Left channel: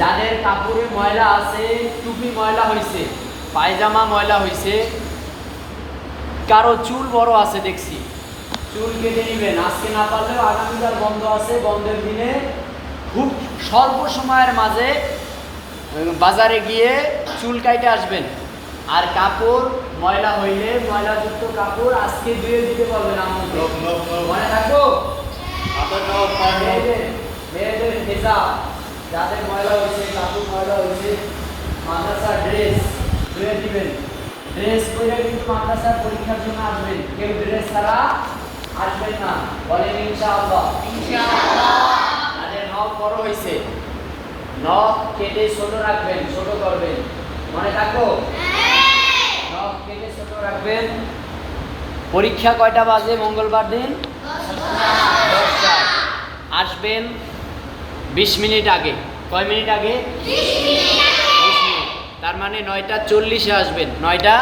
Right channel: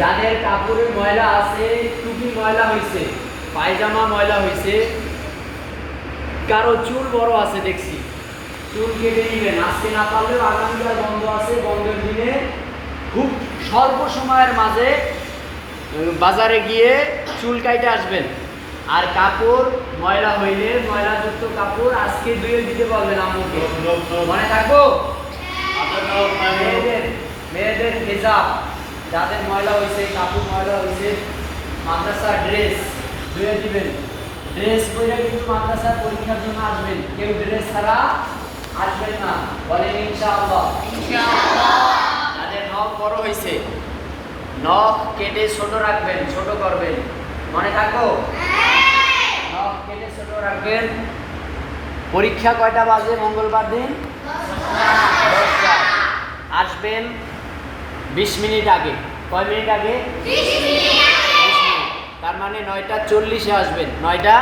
যাদের কাপড়ে ময়লা আছে, টুপি ময়লা হয়েছে, পায়জামা ময়লা হয়েছে, কারো চুল বড় আছে দেখছি, চুল কেটে নেবেন। আজকে না পারলেও আগামীকাল বন্ধ আছে, বন্ধের দিনে খুব স্বল্প সময়ের মাঝে বাজারে গিয়ে চুল কাইটে আসবেন। আর কাপড় ময়লা হইলে, ময়লাযুক্ত কাপড় আজকে ধুয়ে দিতে পারবেন আম্মুকে, মনে থাকবো। মেয়েদের ভেজা, যাদের ময়লা হয়েছে, কাপড় ময়লা হয়েছে, মাদ্রাসার ড্রেস ধুয়ে দিবেন। ড্রেস পরে কিন্তু মাদ্রাসার পরীক্ষার জন্য আসবেন, কেউ ড্রেস ছাড়া আসবেন না, বলেন ইনশাআল্লাহ। যাদের নখ বড় হয়েছে, নখ কেটে ছোট রাখবেন, ছোট করবেন, মনে থাকো। নখ কেটে ছোট রাখবেন। পরীক্ষা কয়টা বাজে মঙ্গলবার দিন? 10টা। আসবেন 20 মিনিট আগে। কয় মিনিট আগে? 20 মিনিট। তার মানে 9টা 40-এ আসবেন। 9টা